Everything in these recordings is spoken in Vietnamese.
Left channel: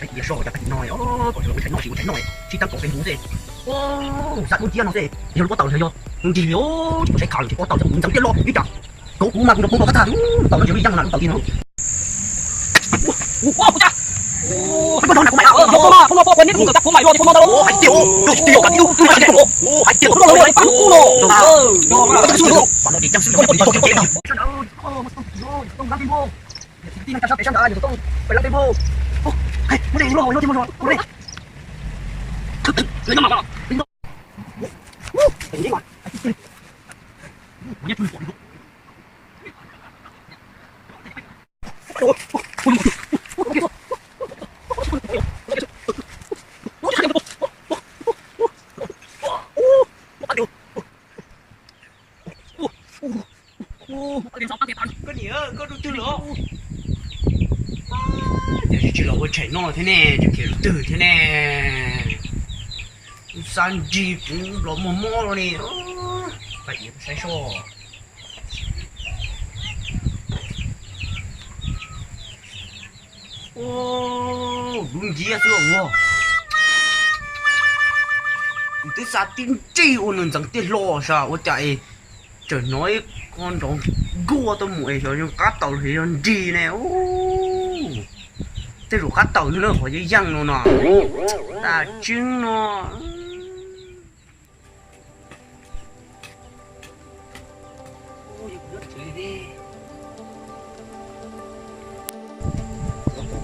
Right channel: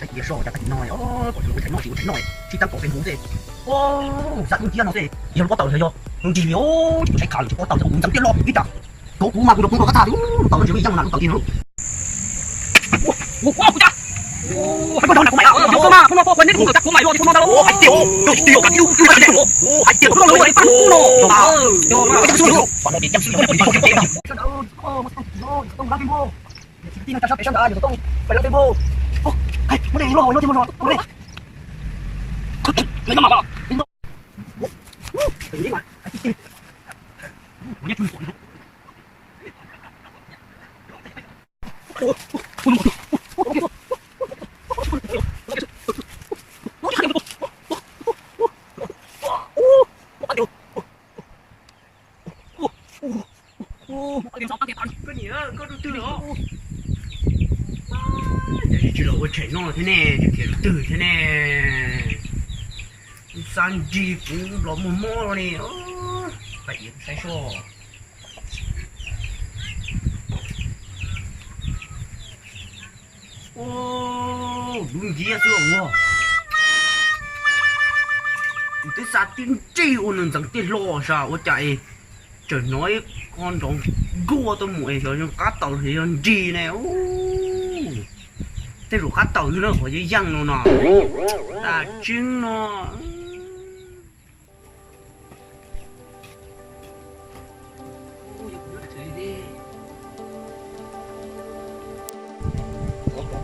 sai kia so cho ta nói còn lỗi tránh nói chỉ tăng cổ cái hú gì sao tôi chia nó thế giờ nó tàu thấy chưa chỉ nhớ sai khảo chỉ có tàu cũng chẳng biết lo đi chả cố cũng mà cũng có khát thà tàu nó chỉ bị răng là tàu gì nữa wow cha cái con này của mày không mà quên đến cũng cắt của mày rồi thì không đâu hải tiêu cả tiêu hải tiêu nó lấy bắn cú nó cái số còn nó đi chăm sóc nó đi cái đâu không làm vô tin chăm sóc để chăm đợi rồi không phải làm vô hay muốn đi luôn nó đi lấy nó mà đi mà nhét luôn có nhớ có đầu tư nữa chỉ là tôi chạy nó thế này chỉ kiểu từ thế này san gì cũng là một rồi nè phải yên sai số đúng gì à thưa tôi sao tin chi ôn rằng tin lo sao tôi chạy trời nói con đó gua tôi muội cho nhưng cá tàu thì làm gì này thế rồi cá tàu nó khỏi dây răng nó ta trứng nó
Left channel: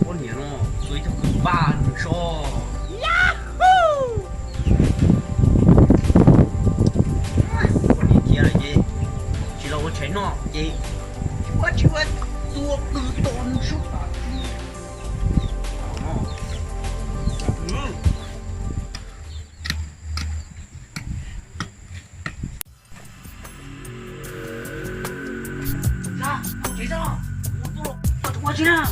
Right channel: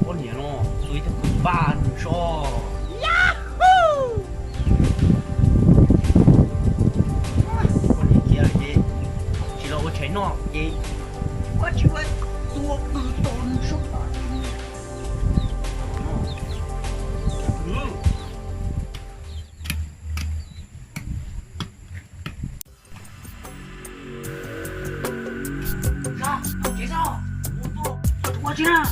con nhỉ nó dưới thằng cứ bàn cho con nhỉ kia là gì chỉ là cháy nó gì quá chịu anh tua từ tốn số ra chế ra tôi qua chứ nào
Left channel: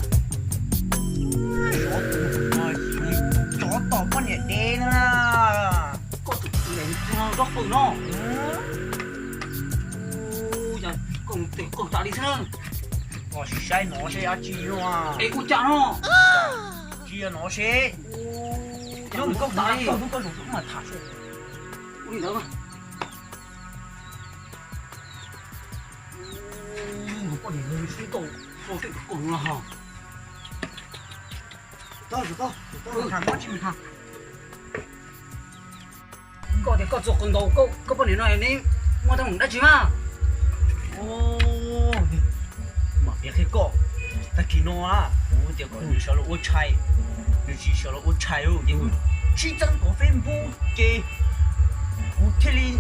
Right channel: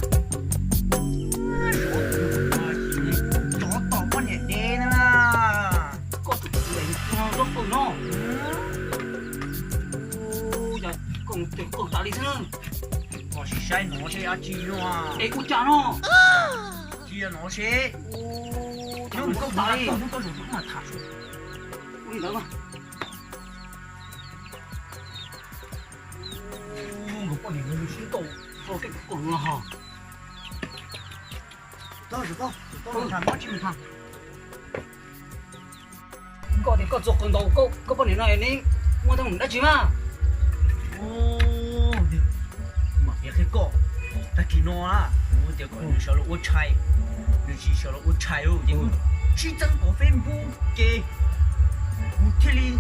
chó tỏ con nhẹ đen là có tụi mình nó rồi nó giờ cùng tự cùng tạo đi xem nó chỉ sai nó sẽ ăn chi nó ê cút chả nó chia nó sẽ nó không có tạo đi không có dùng mà thả xuống ui đâu mà nó có những người sĩ tổ tôi sẽ cùng là hả tôi thằng nó chim thằng có thể có ruột con đầu có vấn đề này nên mua thằng đã chim à mà biết cái cọ ta kỳ nó à thì còn như sao là ô chai như chỉ sao là ô chai rồi nhưng chỉ chẳng có phim bu kê bu thế li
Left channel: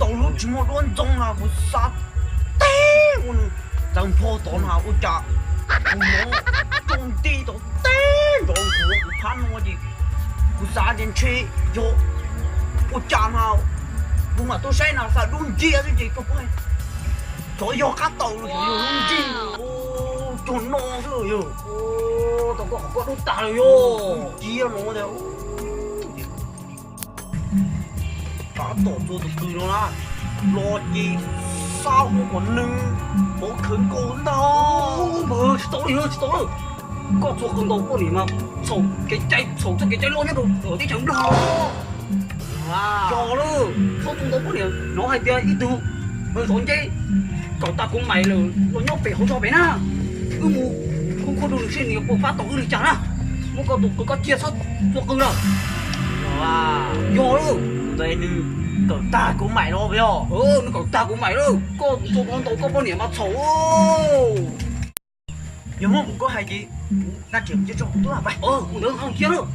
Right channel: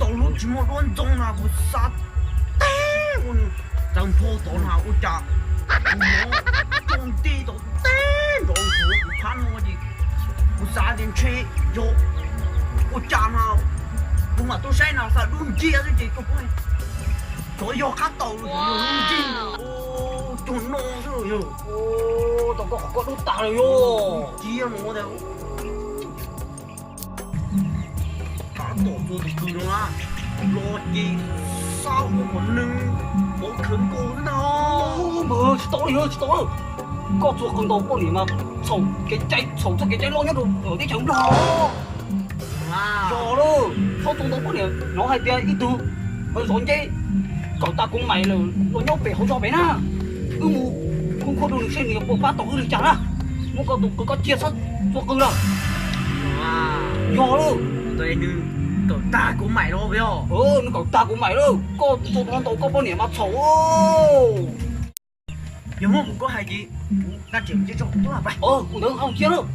đầu lúc chỉ một luôn trong là bu sát té un chẳng thô tổn hao ô chả nó trong đi đó té đó bu pan nó gì bu sát đến chơi yo ô chả nào bu mà tôi say nào sao luôn chia cái gì có phải trời ơi cá tàu rồi luôn chi trốn nó rồi tao có đốt tà rồi chia nó đấy cá tàu tôi từ từ nó lo gì sao không còn nưng một khẩn cố đâu mà tôi có chuột con đầu của gì mà sầu cái cháy lo nhất rồi ở cái chẳng lo rồi luôn số con đầu của này nó hay chơi ít tu hơi sốn chứ cậu ta cũng mày rồi nó nhóc về không cho bé na mù không có đồ được xem nhiều phát tổ được chẳng à nó có chia sắt cho cưng đâu do luôn đây như cậu ta cũng mày đó với nó cậu ta cũng mày đâu có cho con tổ có bao nhiêu mà xấu nhưng mà có hay gì ta chỉ cho tôi là vậy cũng được không chia đâu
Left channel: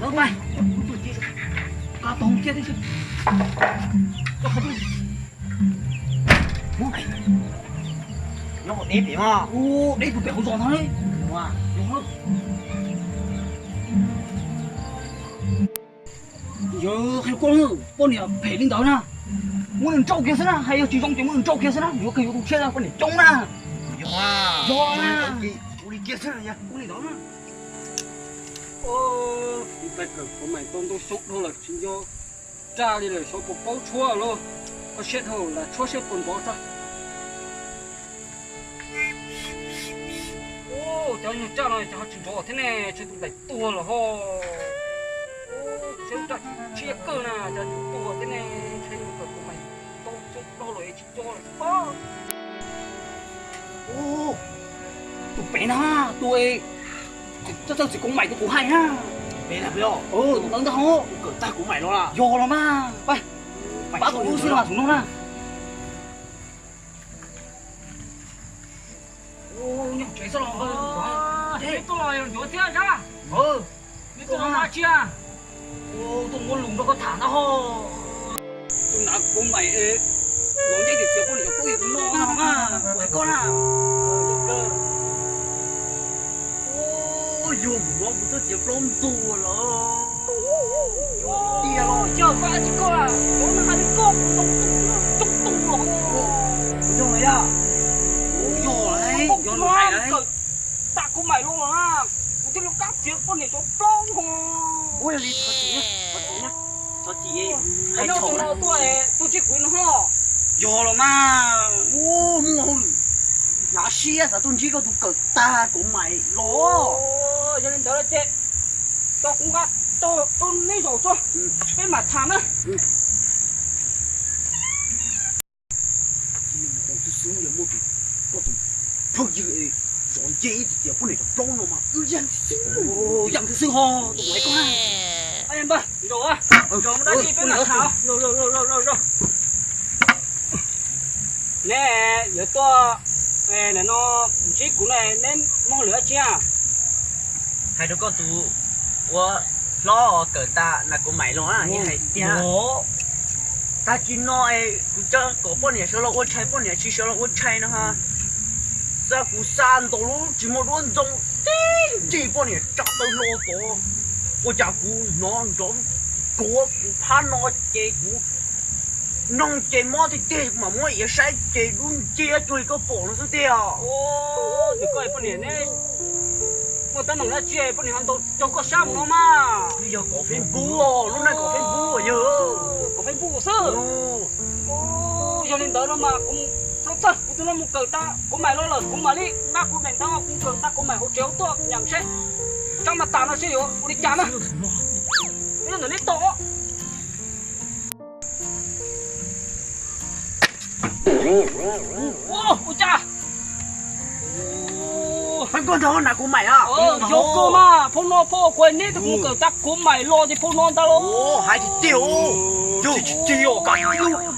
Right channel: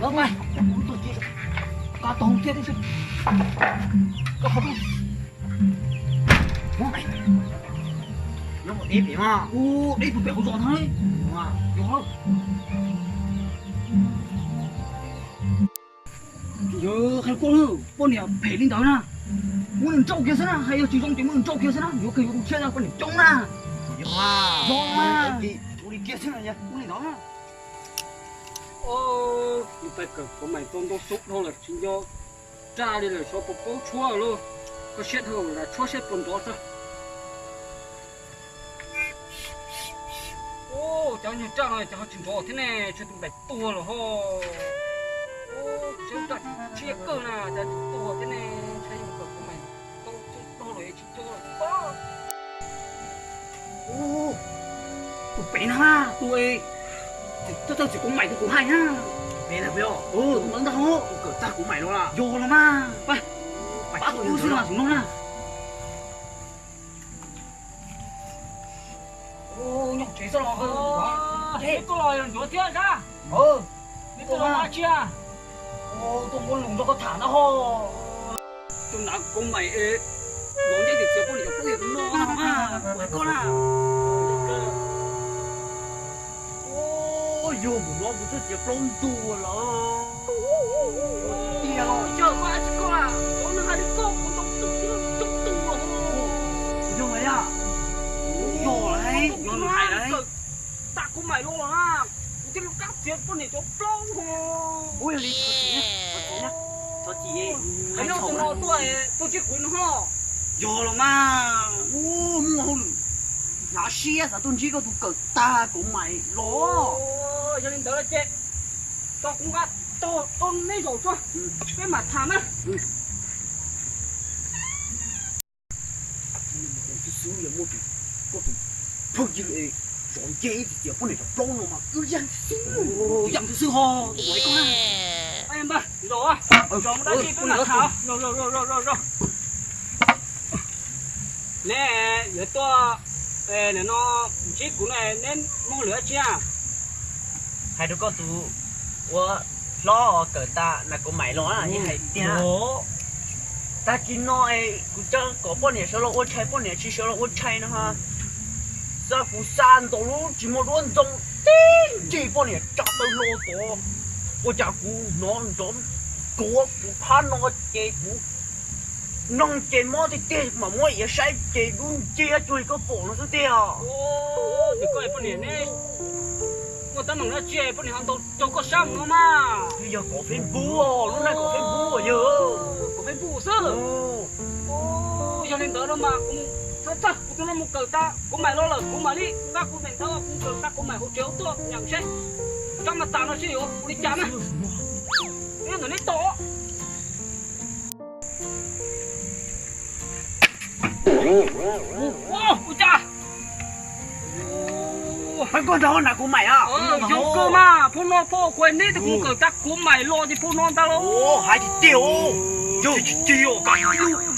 Đâu mày, cá tôm kia đi chứ, có không? Bố mày, nó một đêm vậy mà, đêm tụi béo giòn thôi, đúng không? Đúng không? Giờ hay con này phải lên đó na, muốn đừng trâu kia xem na, hay chỉ trong tiếng muốn đừng trâu kia xem na, nếu kiểu kia ra con để trông na, giòn na, đi kia xem na nhá, con này đó na. Chúng ta cần có mày tôm tôm xúc thôi là xin cho cha đi rồi cho bột bó chua luôn. Có xét thôi là chua xét bột bó thôi. Ô, cháu như cha này cháu chỉnh cho thế này cho tụi bay tua rồi ho. Ô, cháu cha chia cơ nè, cháu tua thế này cháu như của mày tôm xúc đâu rồi chỉnh cho rồi. Ô, tụi bay na, tụi cháu chỉ có mày cũng hay ha. Mẹ là biểu. Tụi nắng đâu. Cỡ ta của mày đó là. Yo rồi mà. Bay. Bác tụi xin là chúng nó nè. Ô, nhóc chế sao rồi? Thế tôi là rồi thế ra. Tôi là chia. Tôi muốn lùng cho con thả nó ho. Tôi đã có mày ế. Nó chạy được chưa có được có việc nó mà. Quay con à. Yo, nó cũng rất là plom tua rồi. Đi rồi, chờ qua chứ con à. Nó hai đứa con cũng tung tung rồi. Yo ấy à? Yo đấy, yo nó hay đấy. Ta cũng mày luôn à. Cái lúc cắt chuyện con này cho plom không. Ôi đi, cho chị nhá. Cho chị ấy. Hay chồng nó tôi chỉ quên ho. Yo rồi mà. Ô, ngon. Nhà xia sao tôi chỉ có tụ cỡ ta của mày lo. Cho nên tớ là chết. Tao cũng gắt. Tôi lấy rồi cho. Cái mặt thảm á. Tôi xuống giờ mua tụ. Có tụ. Thôi chứ ấy. Rồi dễ thì giờ con này cho plong nó mà. Dặn xíu. Dặn thứ ho. Tụi mày có hay. Em ba. Rồi á. Rồi nó đã chi với mặt thảo. Rồi. Nè. Giờ tôi. Nè nó. Chỉ cũng này nên mong lửa chia. Hai đứa con tụ. Ủa. Lo cỡ ta là của mày lo à như hay tia. Ta chỉ nói cũng cho có bao nhiêu số lo ô chay bao nhiêu chỉ số lo ô chay nữa ha. Giờ cũng san đồ luôn chỉ một luôn trong chỉ bao nhiêu chặt tới lo tổ. Ô chả cũng nó giống của cũng phá nó chơi cũng nông chơi mò thì chơi mà mò vậy sai chơi luôn chơi chơi có bộ nó số tia. Ô, thì coi bao nhiêu này. Người ta nói là chơi bao nhiêu hàng đầu cho có sao nó mà. Bây giờ có phim bú rồi, lúc này có phim bú rồi giờ. Có phim bú sao? Ô, cho nên đó mà cũng thật, tôi nói một cờ ta, cũng mày lo là cũng mày đi, các cô này tao cũng cờ ta cũng mày hỗ trợ tôi nhận xét. Tao mà tao nó sẽ hiểu, đi chán à? Thế nó đi tổ. Ô, ôi cha. Thằng con đó là của mày à? Vô cơ mà, phong nó phô quên đi thì cũng cờ ta của mày lo thì phong non ta lo. Ô, hai chị tiêu. Yo, tiêu cả.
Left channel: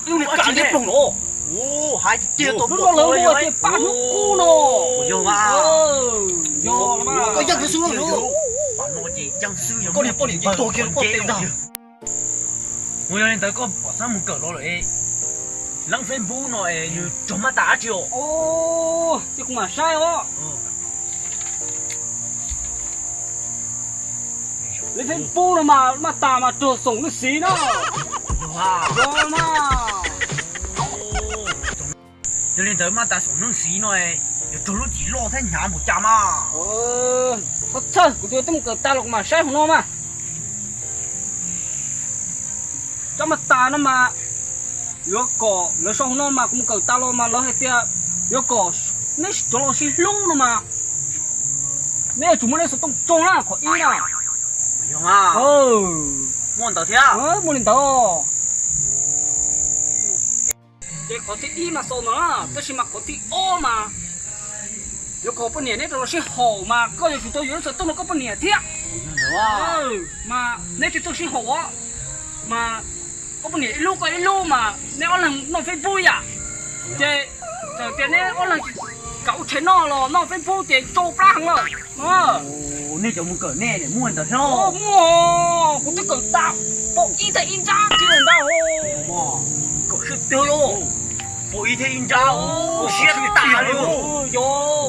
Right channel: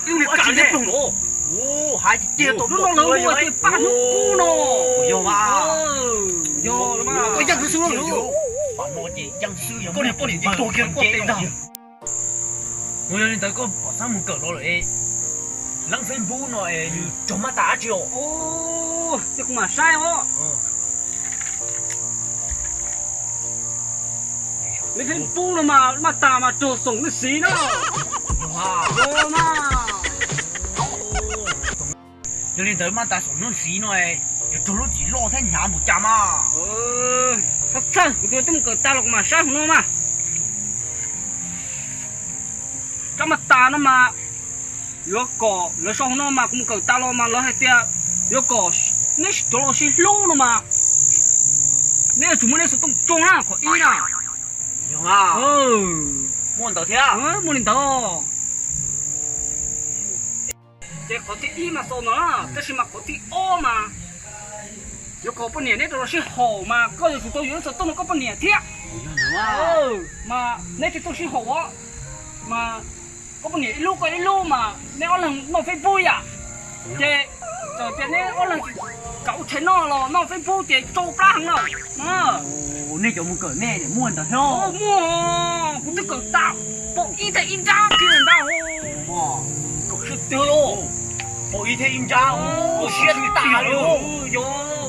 Yêu này cả đấy phong nó. Ô, hai chị tiêu tôi nó lớn rồi thì ba nước cu nó. Yo mà. Yo là mà. Có dân sư rồi. Bạn nó chỉ dân sư giống. Con này bao nhiêu tôi kia nó có tiền đâu. Ôi nên tới có bỏ sang một cỡ lo rồi. Lăng phim bú nói như chó má tá chiều. Ô, chứ cũng mà sai ho. Lên phim bú mà ta mà trộn sống nó xí đó. Wow, mà. Cho nên tới mà ta sống nó xí nói, cho lúc chỉ lo thế nhà một trăm à. Thật thật, tôi tâm cỡ ta lộc mà sai không nó mà. Cho mà ta nó mà. Yo cỏ, nó xong nó mà cũng cỡ ta lo mà nó hay tia. Yo cỏ, nó cho nó xí lâu nó mà. Nếu chúng mình sẽ tung trông á, có ý nào. Yo mà. Muốn tao thế à? Muốn tao. Thế có thể ý mà sao nó, thế mà có thể ô mà. Yo có bao nhiêu đấy nó sẽ hổ mà, có gì chúng tôi yếu sợ tôi nó có bao nhiêu thế. Mà nếu chúng tôi sẽ hổ á, mà có bao nhiêu lúc mà nếu lần nó phải vui à. Thế giờ thế nếu lần cậu thấy nó phải vui thì trâu plang rồi. Nên cho một cỡ nè để mua tao theo. Mua, cũng tức cỡ tạo, bộ y tế in ra kia là đâu. Cậu sẽ tiêu luôn. Bộ y tế in ra, bộ xe thì tả luôn. Yo,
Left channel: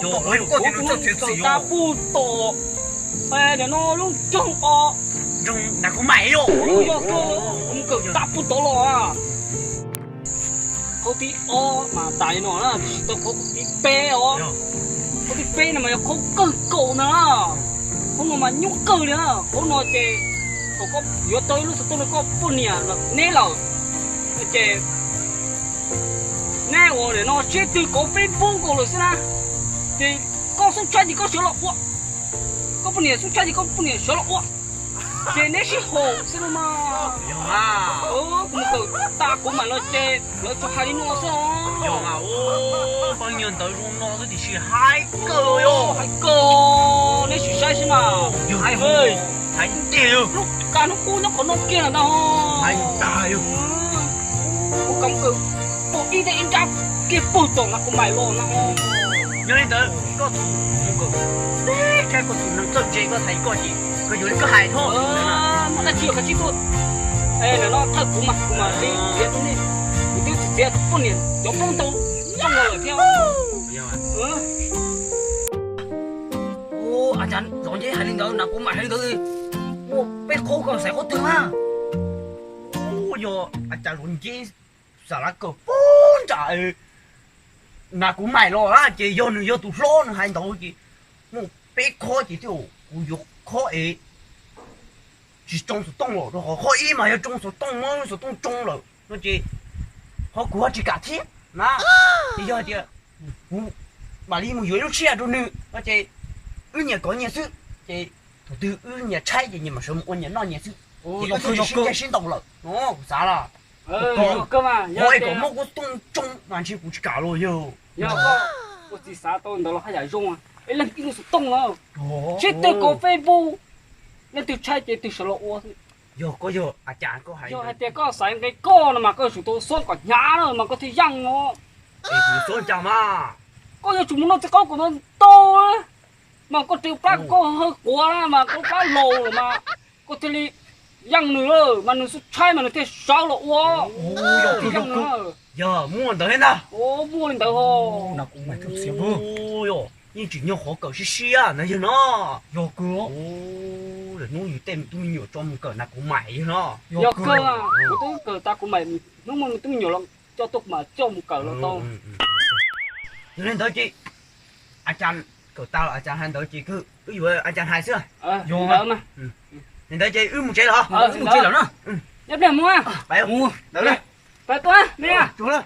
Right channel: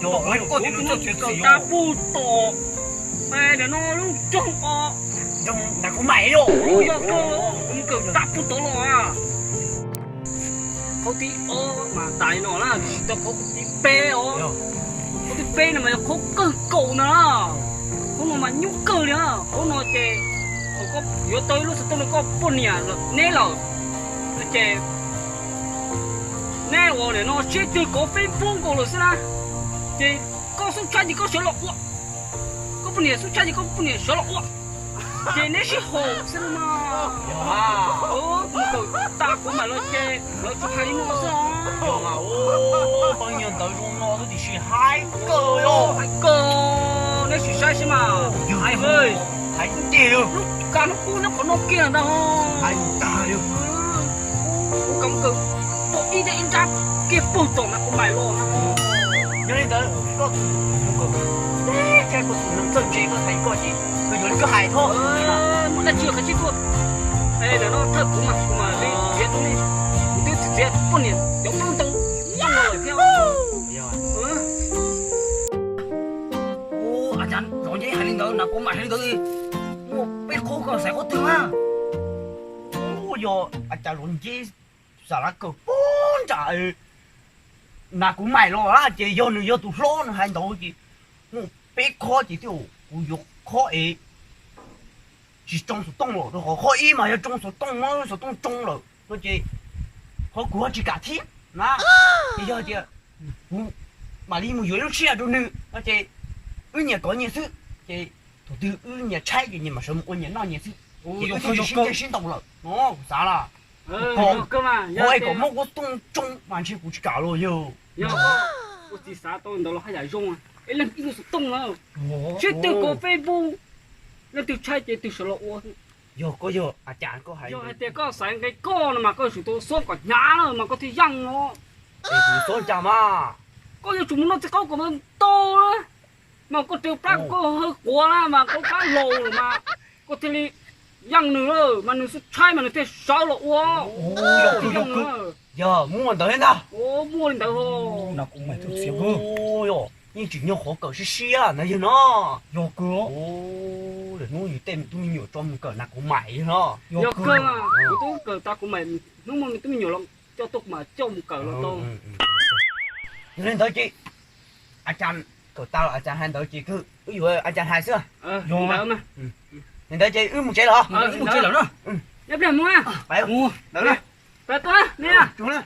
bộ có thể nó sẽ ta bu tổ, mà để nó luôn trông o. Trông là có mày rồi. Cũng cỡ ta bu tổ rồi à. Có tí o mà tại nó là tôi có tí pe o. Có tí pe này mà không cỡ cổ nữa. Không mà nhúc cỡ nữa, không nói thì hồ có yếu tới lúc tôi nó có phun nhà là nè là chế nè我呢nó chế từ có phê phun của rồi sao thì có số trái thì có số lọ có phun nhà số trái thì có phun nhà số lọ chế nè是hồ sao mà một cái ta cũng mà lo chế lo cho hai đứa nó sao Yo à ô bao nhiêu tới luôn nó thì chỉ hai cơ yo hai cơ nè chỉ sai xem mà hai hơi hai tiêu lúc cả lúc nó còn nó kia là đâu hai ta yo công cực bộ y tế em ra kia bùn tổng là cũng mày luôn nó nhớ đến tới có đấy cái có tụi năng chân chế có thấy có gì cóอยู่cái hài thôi muốn là chiều cái chiếc luôn ê nó thật cũng mà cái việc chúng đi tôi chỉ việc con này giống con tôm nhang rồi theo ô à chán rồi vậy hay lên đó nào cũng mà hay lên đó đi một bé khô còn sẽ có tương à ô yo à cha luôn gì sao là cơ bốn trời na cũng mày lo á chị vô tụi lo nó hành động chị một bé khó chị tiêu cú dục khó ấy chỉ trong số đông rồi họ khó ý mà trong số đông mà số đông trong rồi nó chị họ của chỉ cả thiên na bây giờ chị mà đi một dưới nó chia rồi nữa nó chị nhà có nhà sự chị thủ tư nhà trai gì nhưng mà số một nhà nó nhà sự ô yo cơ cái sinh động rồi nó sao là cơ mà ôi có một cái tung trong hoàn全不去搞了哟。我只啥都你到了还在用啊？哎，那一个是动了，这对高飞步，那对拆这对什么我是， 有个有阿家个还就还有，得搞三个高了嘛，搞许多说个牙了嘛，搞得养哦，你说讲嘛？搞要怎么弄这搞个么多了，嘛搞丢把搞喝过了嘛，搞把漏了嘛，搞这里养nữa mà nó拆mà nó thế sao了哇，有mua得呢？哦，摸你头哦，那cũng mày cấp xíu cơ. 哦哟，你只要好狗是西啊，那就喏。 Yo cơ. 哦，人弄有店都有专门狗那个买喏。 giờ cơ à, tôi cờ ta của mày, nếu mà tôi nhiều lắm, cho tôi mà cho một cờ là to. Nên tới chị, anh chàng cậu tao là anh chàng hai tới chị cứ ví dụ anh chàng hai xưa. Vô đỡ mà. Nên tới chị một chế hả? Một chế lắm đó. Nhấp đẹp mua. Phải không? Đỡ đây. Phải tôi nè. Xuống đây.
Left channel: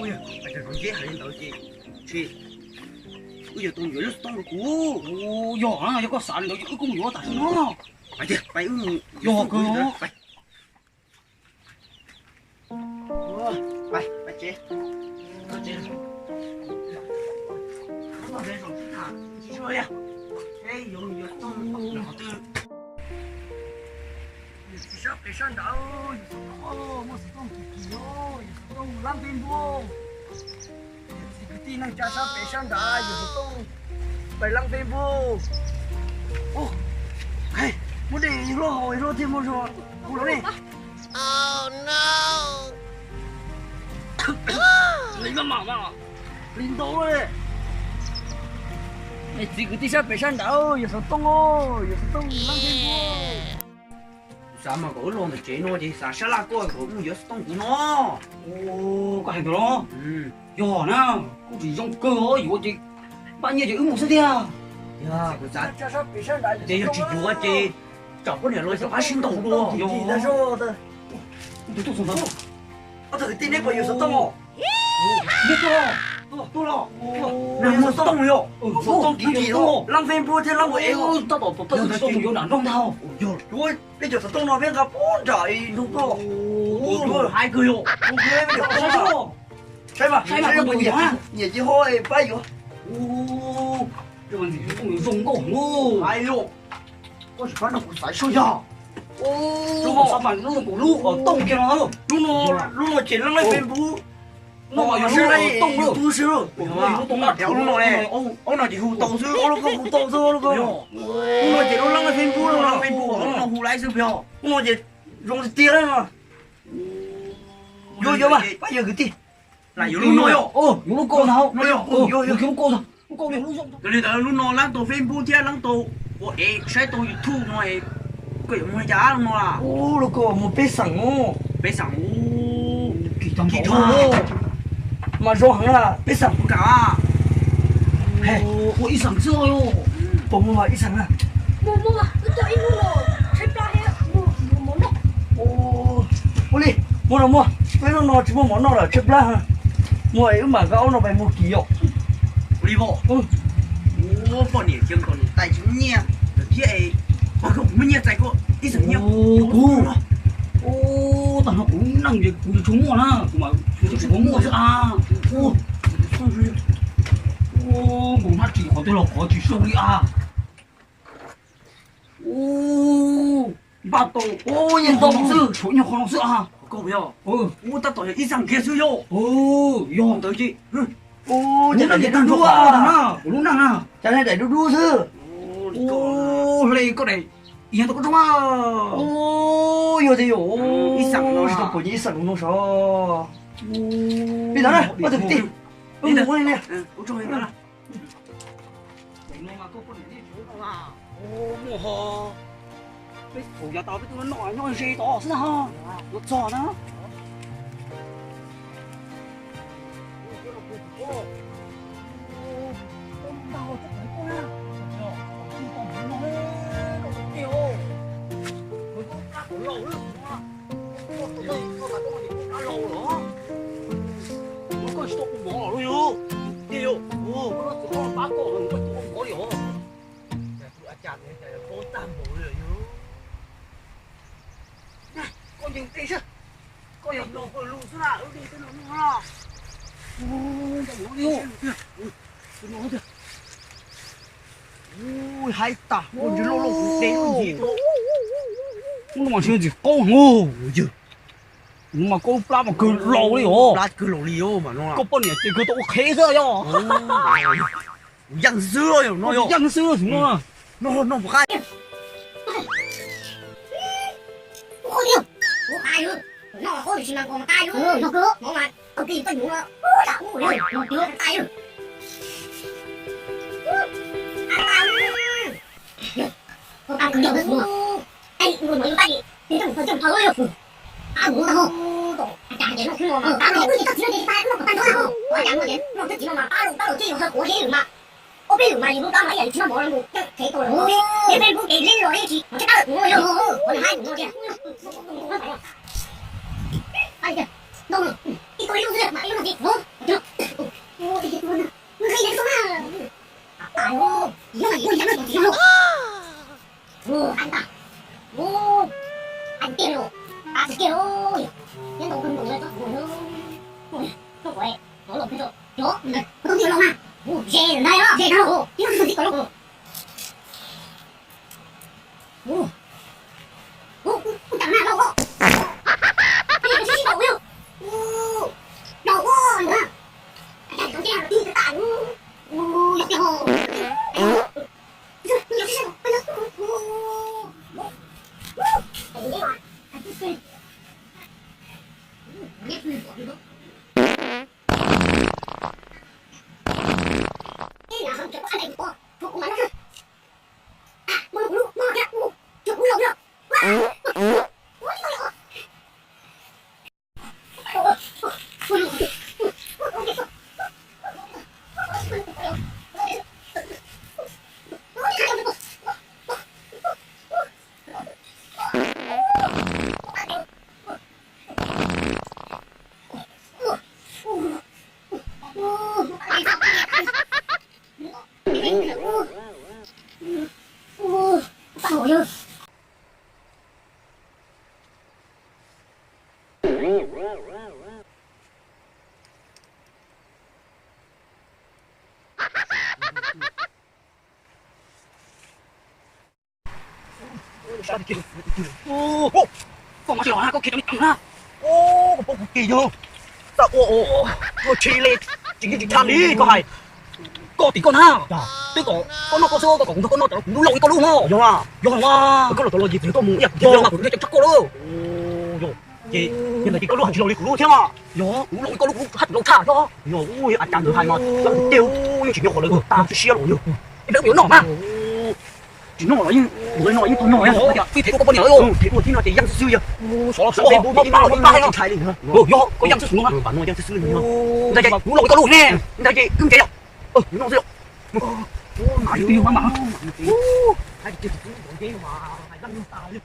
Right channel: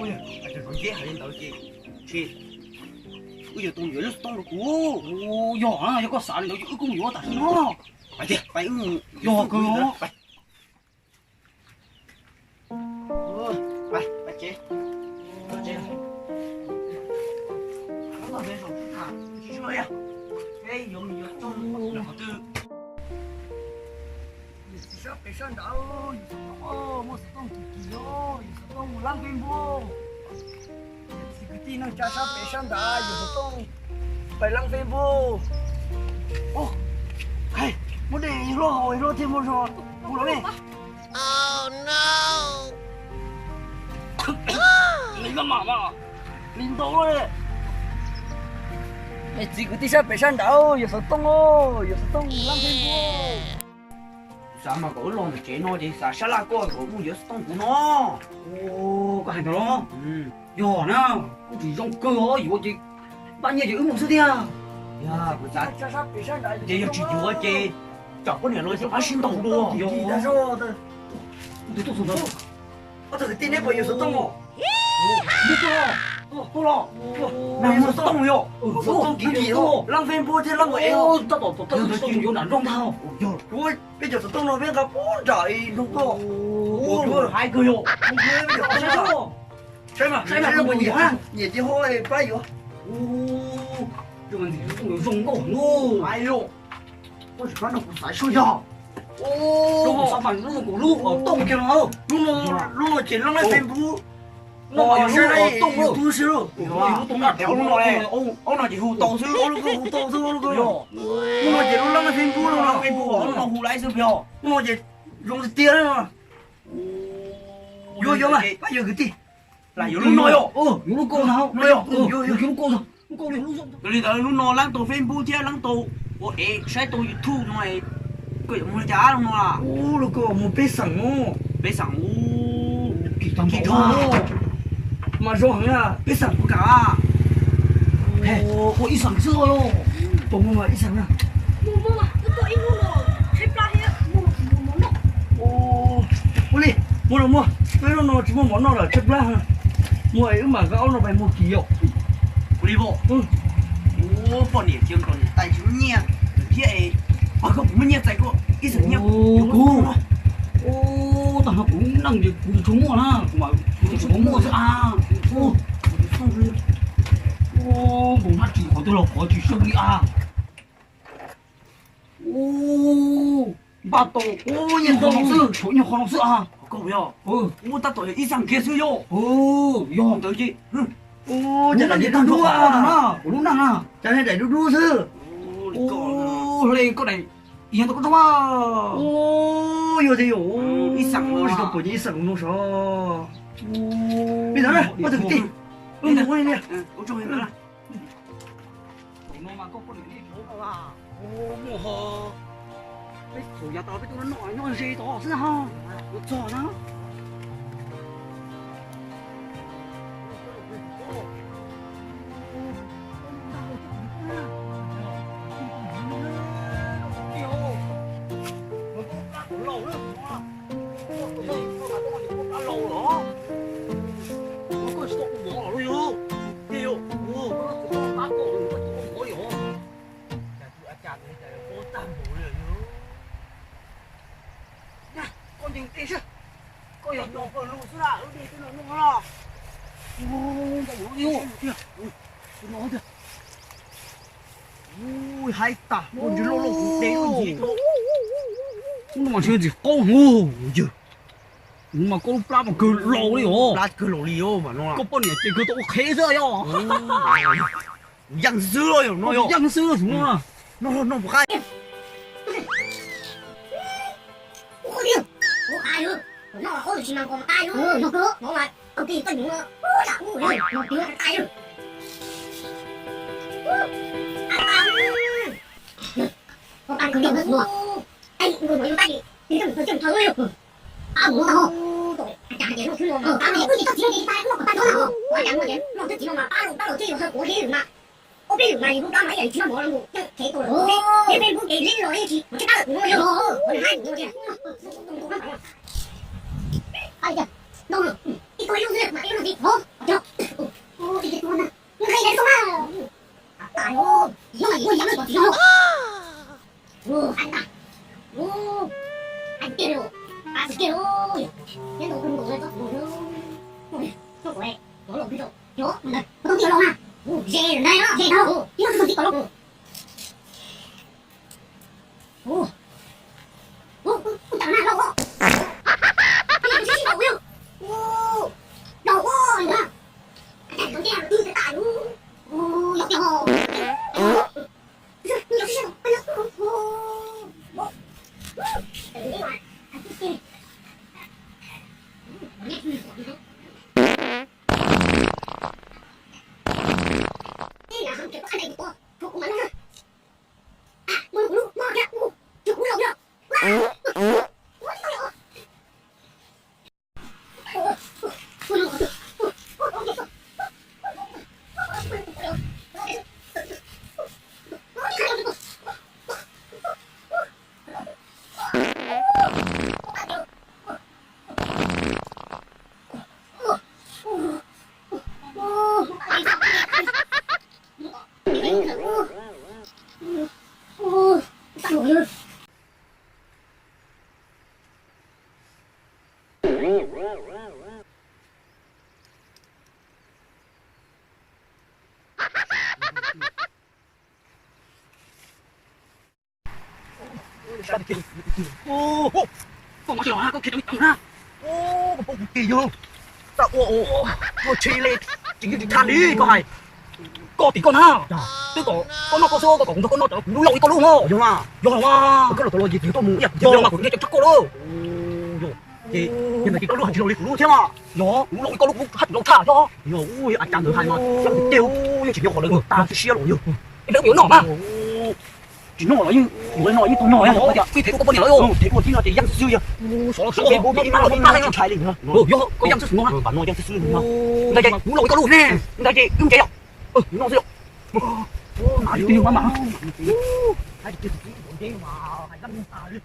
Ôi à, anh chàng con dế hay lên tới chị. Bây giờ tôi nhớ lúc tôi cũ. Ồ, nhỏ à, cho có sản đâu chứ cũng nhỏ tại nó. Phải chứ, phải Nhỏ cơ. Phải. Phải chị. Phải chị. Không có về rồi chứ hả? Chị chơi à? Cái dùng nhiều trong nhỏ tư. Chị sắp bị sân đảo. Một sự tông kỳ kỳ thôi. Sự tông lăng phim vô. Chị cứ tin năng cha sắp bị sân đảo. Sự tông phải lăng phim vô. Ô, hey, muốn đi lo hồi lo thêm một rồi. Cú đó đi. Oh no! Lấy cái mỏ mà. Linh tố đấy. Mày chỉ cứ tí sắp bị sân đảo, giờ sự tông ô, giờ sự tông lăng phim vô. Sao mà có lồn được chế nó thì sao sát la con của mua giấc tông của nó. Ồ, cái hành đó. Ừ. Nhỏ nè, cũng chỉ trong cơ thôi, dù chị bao nhiêu chị ứng một số tiền. Ya, của cha Cha sắp bị sang đại. chị chỉ chúa chị. Chọc có điểm rồi sẽ phát sinh động luôn. Gì đã sao ta? Tôi xuống đó. Có thể tin đấy bởi giấc tông không? Biết chưa? Tôi lo. Này giấc tông rồi. Giấc tông kỳ kỳ thôi. Lăng phim bố thế lăng của em. Tao bảo tao giấc tông vô nản rong thao. Rồi, bây giờ giấc tông nó biết gặp bốn trời đúng không? Rồi, hai người rồi. Không biết bây giờ Sao sao? sao? Sai mà, Sai mà, sai không mà có nhiệt gì hả? nhiệt chứ thôi, bay rồi. Rồi thì không dùng cổ ngu. Ai lộ. Ôi, nó cũng phải sôi nhỏ. Lúc mà sao bằng lúc mà cổ lúc ở tông kia nó. Lúc nó chỉ lăng lên phim bố. Nó mà xe lúc này ở tông luôn. tu sư. Tông là Đéo lúc này. Ông nào chỉ hù tàu sư, ông nó hù tàu sư ông nó chỉ lăng lên phim bố, lăng phim bố, ông nó hù lại sư biểu. Ông nó chỉ dùng cái tia đấy mà. Vô mà, bây giờ cái gì? Lại vô lúc nói rồi. Lúc cô nào? Nói rồi. Vô lúc cô nào? Lúc cô lúc rộng. Rồi giờ lúc nó lăng tổ phim bố chứ lăng tổ. Ủa, sai tổ YouTube nó này. Cái gì mà giá đâu nó à? Ô, nó có một bê sẵn ngô. Bây giờ kỳ tao Kỹ bảo thuật. mà do hắn là Ít sẵn của cả. hey có ít sẵn xưa rồi bông mà ít sẵn à mua tôi ít mua rồi thấy plan đấy mua món nào mua đi mua nào mua cái nó chỉ mua món nào là chép lá hả mua ấy mà gạo nó phải mua ký hiệu Đi bộ. Ô, bọn nhỉ, kiếm còn tài chính nhẹ. Được kia ấy. Mà không mới nhẹ tài cô. Ít sẵn nhiều. ô tao nó cũng năng gì cũng chúng mua na mà chúng cũng mua à ô cũng phát chỉ có tôi là có chỉ số đi à ô ba tổ ô nhìn tao sư chỗ nhà con sư à Cô biết không? ừ Ô, ta tội ít sẵn kia sư vô. ô yo Tới chị. ô Chắc chắc là là những những con con đua đua à. à đúng nè Cho nên để đu sư. ô đây có này hiện tại có đâu à Ô, yo thì yo. Ít sẵn nó. Chỉ có ít sẵn nó sao? Bây giờ này, bắt đầu tìm. Đi nào. Mua này nè. Ô, trong em đó là. nó mà có con này chỗ nào à ô mua hồ cái thủ nhà tao với tôi nó nói gì đó chứ ha nó cho nó Đi vô. Ô, chả tụi chả thế, chả vô tam bố lửa vô. con nhìn đi chứ con nhìn Nó có lù xuống là, đi cái nó lo. nó kìa Ui, hay ta. Ôi, chứ lô lô đế luôn gì thôi. nó mà chơi gì con ngu chứ nó mà con plá mà cứ lâu đi hả Lát cứ lổ lì ô mà nó là. có bao nhiêu tiền cứ tôi khé rồi yo Dăng dưa rồi nó yo. dân xưa chúng nó Nó một khai. ôi điêu ủa ai ư nó ôi chỉ mang con tay ư nó cứ nó mà công ty tôi nhúng ôi là ôi nó cứ tay ư con tay cứ đi mua anh người nói tay đi đừng thở ư à mua đâu chả để nó cứ mà ta này cứ chỉ đi tay nó tay thôi quá chẳng mà đến nó chỉ mà ba lô chơi rồi của thế mà ô bây giờ mà lúc đó mấy vậy chỉ nó bỏ ra một cái tôi rồi cái bên cũng cái lên rồi chị nó cái ta được rồi còn hai của nó kìa ai kìa đâu rồi cái tôi yêu duyệt mà yêu là gì không được ô đi cái con nào ngươi đến không à tại ô yêu mày yêu dám rồi chị không ô anh ta ô anh kia rồi anh kia rồi cái đồ cưng đồ lên tóc rồi ôi không phải nó lộn cái rồi đó này có không tiêu lâu à ô dê ở đây đó dê đâu yêu cái gì có đâu ô ô chẳng nào đâu cái gì đâu yêu ô đâu có nữa cái con kia đi cái tại ô cái hồ nhiều cái gì đâu cái nó ô cái gì mà cái biết gì của nó cái nhà hàng kiểu có anh này của của mình đó à mua luôn mua kìa mua chụp mua luôn ô con mà chỉ là con kia nó ha Ô, có kỳ vô. Sao ô chi lên. Chính cái than đi có hay. có tí con ha tức có nó có số có cũng nó cũng lâu có luôn không Đúng à? yo mà Có đồ gì thì tôi muốn. yo mà cũng cái chắc có luôn Ô, chị nhưng mà chị có lúc chỉ lôi của luôn thế mà. yo cũng lâu có lúc hắt lâu thả yo Yo, ui anh chàng được hay mà. Tiêu, nhưng chỉ nhỏ rồi. Ta chỉ xia rồi. đỡ biểu nọ mà chỉ nói như người nói như tôi nói Ủa, phi thể của con này rồi. thế của tí nó thì dân sư à Số là số bên bố tí nó nó trái liền hả Yo, có dân sức luôn. bạn nói dân sư mình hả Đây đây, muốn lội có luôn nè. đây chị cưng chạy à nó rượu Mà tiêu mà. hai cái kia thì bọn kia mà hai năm ta luôn